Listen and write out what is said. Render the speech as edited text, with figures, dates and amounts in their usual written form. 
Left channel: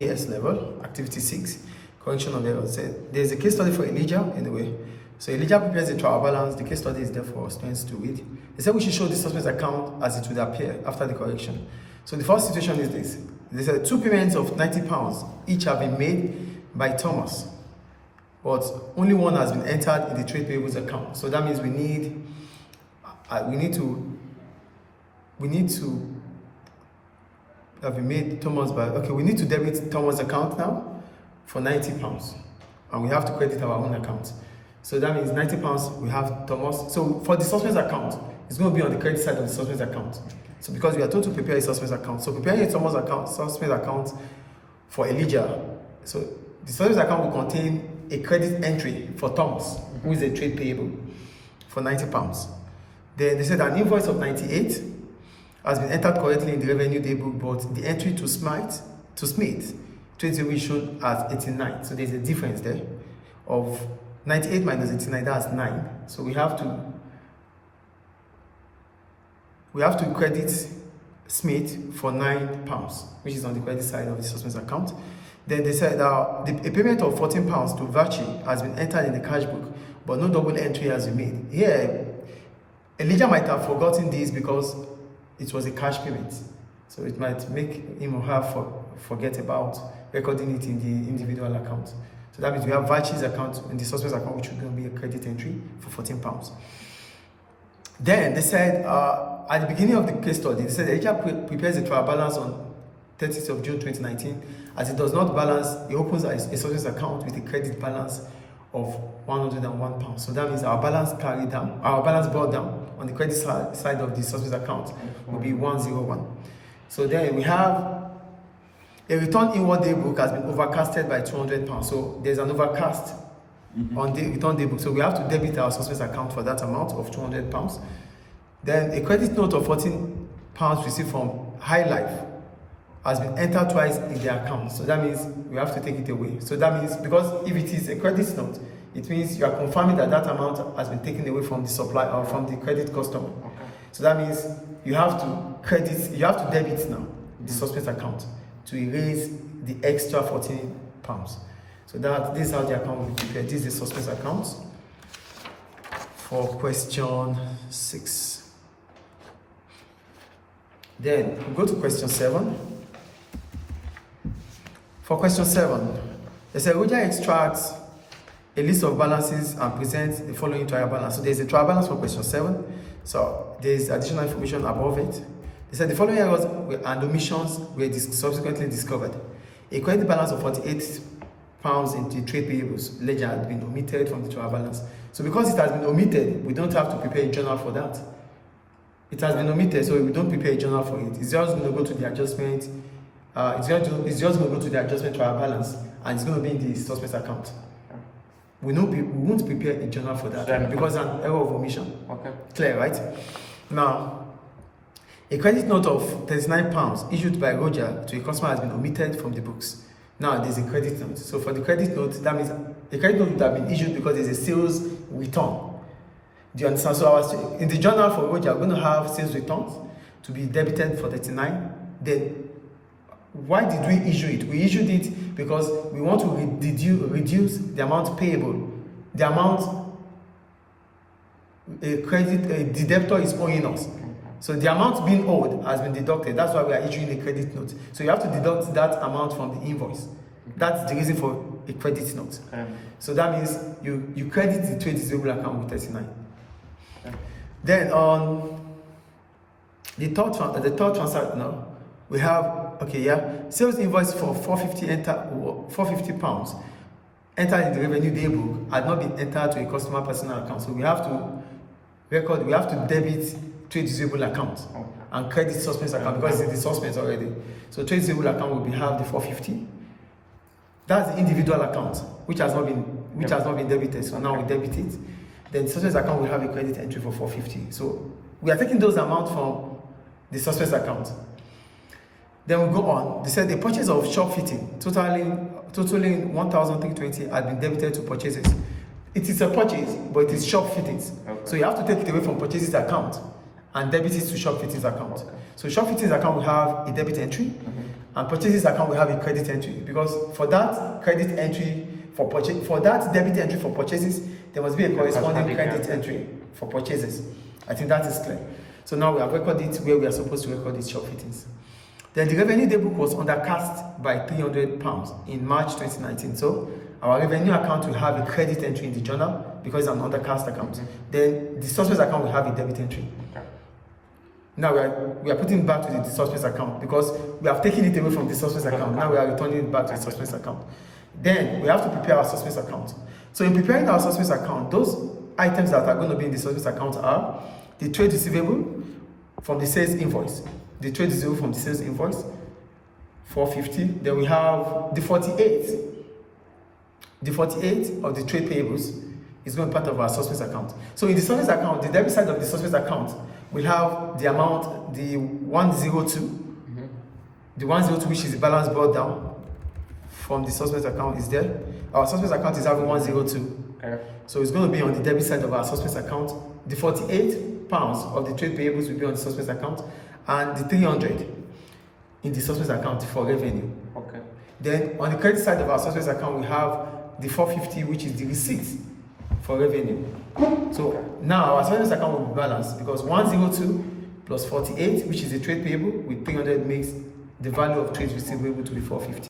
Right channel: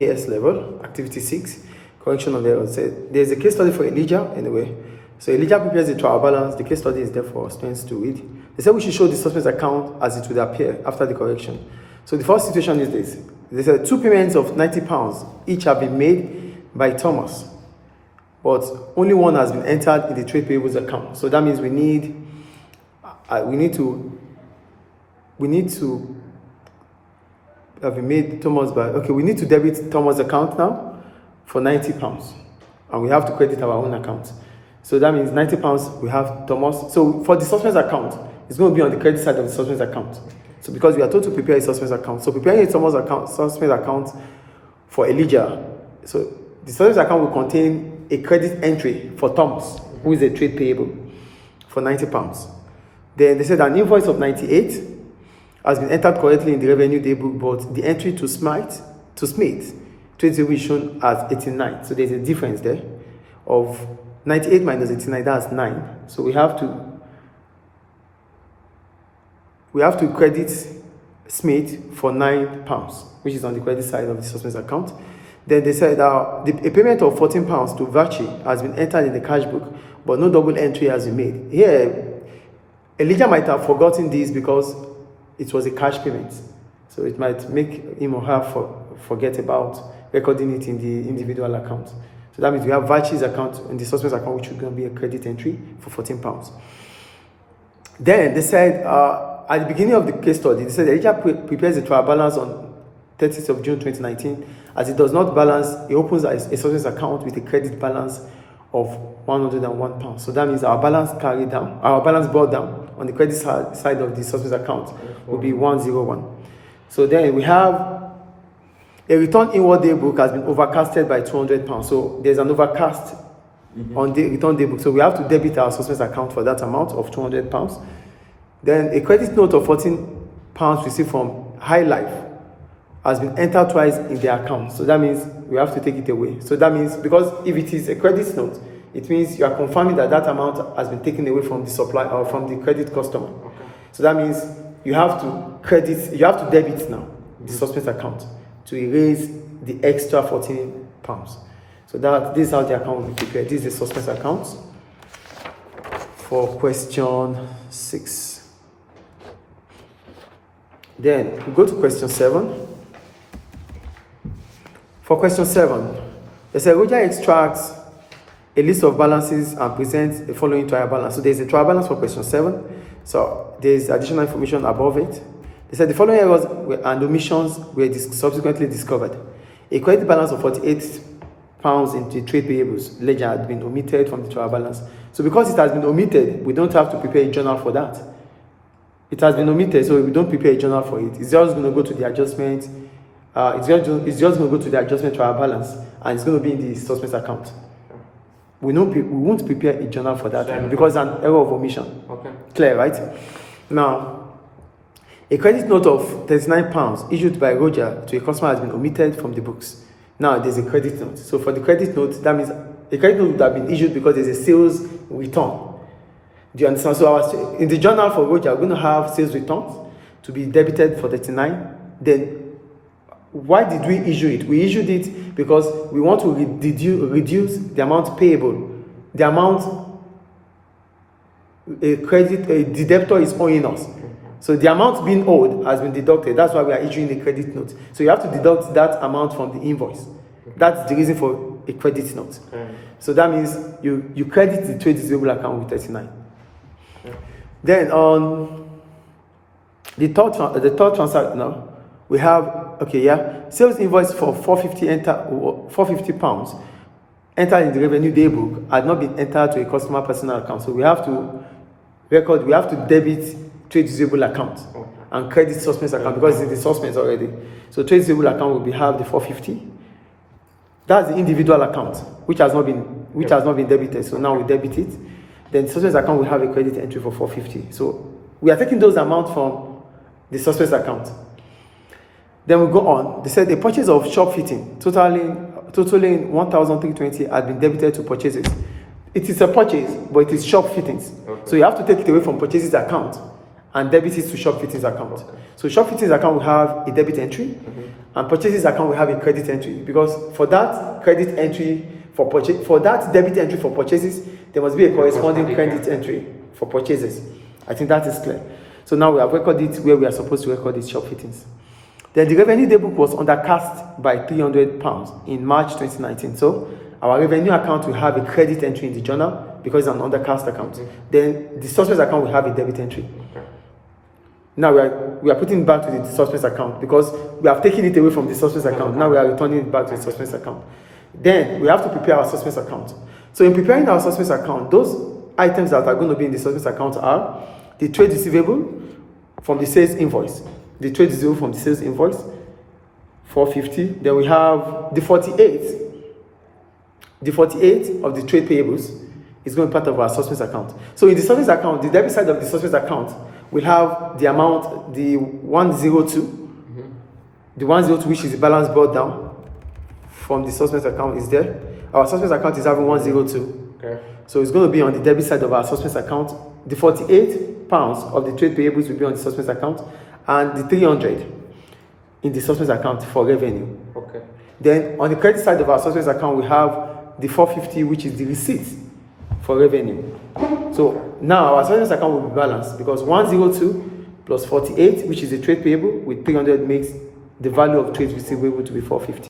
AS level, activity 6, correction of errors. There's a case study for Elijah anyway. So Elijah prepares the trial balance. The case study is there for students to read. They said we should show the suspect's account as it would appear after the correction. So the first situation is this. They said 2 payments of £90 each have been made by Thomas, but only one has been entered in the trade payables account. So that means we need to have been made Thomas by, okay, we need to debit Thomas' account now for £90, and we have to credit our own account. So that means £90 we have Thomas. So for the suspect's account, it's going to be on the credit side of the suspect's account. So because we are told to prepare a suspect's account, so preparing a suspect's account for Elijah, so the suspect's account will contain a credit entry for Thomas, who is a trade payable, for £90. Then they said an invoice of 98 has been entered correctly in the revenue day book, but the entry to Smith trade table is shown as 89. So there's a difference there of 98 minus 89, that's 9. So we have to credit Smith for £9, which is on the credit side of the suspect's account. Then they said a payment of £14 to Vachi has been entered in the cash book, but no double entry has been made. Here, Elijah might have forgotten this because it was a cash payment. So it might make him or her forget about recording it in the individual account. So that means we have Vachi's account in the suspect's account, which is going to be a credit entry for £14. Then they said, at the beginning of the case study, they said Elijah prepares the trial balance on 30th of June 2019. As it does not balance, he opens a suspect's account with a credit balance of £101. So that means our balance brought down on the credit side of the suspect's account will be 101. So then we have a return inward day book has been overcasted by £200. So there's an overcast on the return day book. So we have to debit our suspect's account for that amount of £200. Then a credit note of £14 received from High Life has been entered twice in their account. So that means we have to take it away. So that means, because if it is a credit note, it means you are confirming that that amount has been taken away from the supplier or from the credit customer. So that means you have to debit now the suspect's account to erase the extra £14. So this is how the account will be prepared. This is the suspect's account for question 6. Then we go to question 7. For question 7, they say Roger extracts a list of balances and presents the following trial balance. So there's a trial balance for question 7. So there's additional information above it. They said the following errors and omissions were subsequently discovered. A credit balance of £48 in the trade payables ledger had been omitted from the trial balance. So because it has been omitted, we don't have to prepare a journal for that. It has been omitted, so we don't prepare a journal for it. It's just going to go to the adjustment. It's just going to go to the adjustment trial balance, and it's going to be in the suspect's account. We won't prepare a journal for that because it's an error of omission. Okay. Clear, right? Now, a credit note of £39 issued by Roger to a customer has been omitted from the books. Now, there's a credit note. So for the credit note, that means a credit note would have been issued because there's a sales return. Do you understand? So in the journal for Roger, we're going to have sales returns to be debited for 39. Then, why did we issue it? We issued it because we want to reduce the amount payable, the amount the debtor is owing us. So the amount being owed has been deducted. That's why we are issuing the credit note. So you have to deduct that amount from the invoice. That's the reason for a credit note. So that means you credit the trade receivable account with 39. Then on the third transaction now, we have sales invoice for £450 entered in the revenue day book had not been entered to a customer personal account. So we have to debit trade receivable account and credit suspect's account because it's in the suspense already. So trade receivable account will have the 450. That's the individual account which has not been debited. So now we debit it. Then the suspect's account will have a credit entry for 450. So we are taking those amounts from the suspect's account. Then we go on. They said the purchase of shop fitting totaling 1,320 had been debited to purchases. It is a purchase, but it is shop fittings. Okay. So you have to take it away from purchases account and debit it to shop fittings account. So shop fittings account will have a debit entry, and purchases account will have a credit entry, because for that credit entry for purchase, for that debit entry for purchases, there must be a corresponding credit entry for purchases. I think that is clear. So now we have recorded it where we are supposed to record these shop fittings. Then the revenue day book was undercast by £300 in March 2019. So our revenue account will have a credit entry in the journal because it's an undercast account. Then the suspect account will have a debit entry. Now we are putting it back to the suspect account because we have taken it away from the suspect account. Now we are returning it back to the suspect account. Then we have to prepare our suspect account. So in preparing our suspect account, those items that are going to be in the suspect account are the trade receivable from the sales invoice. The trade receivable from the sales invoice, 450. Then we have the 48. The 48 of the trade payables is going to be part of our suspect account. So in the suspect account, the debit side of the suspect account will have the amount, the 102. The 102, which is the balance brought down from the suspect account, is there. Our suspect account is having 102. Okay. So it's going to be on the debit side of our suspect account. The £48 of the trade payables will be on the suspect account, and the 300 in the suspect account for revenue. Okay. Then on the credit side of our suspect account, we have the 450, which is the receipt for revenue. So now our suspect account will be balanced because 102 plus 48, which is the trade payable, with 300 makes the value of trade receivable to be 450.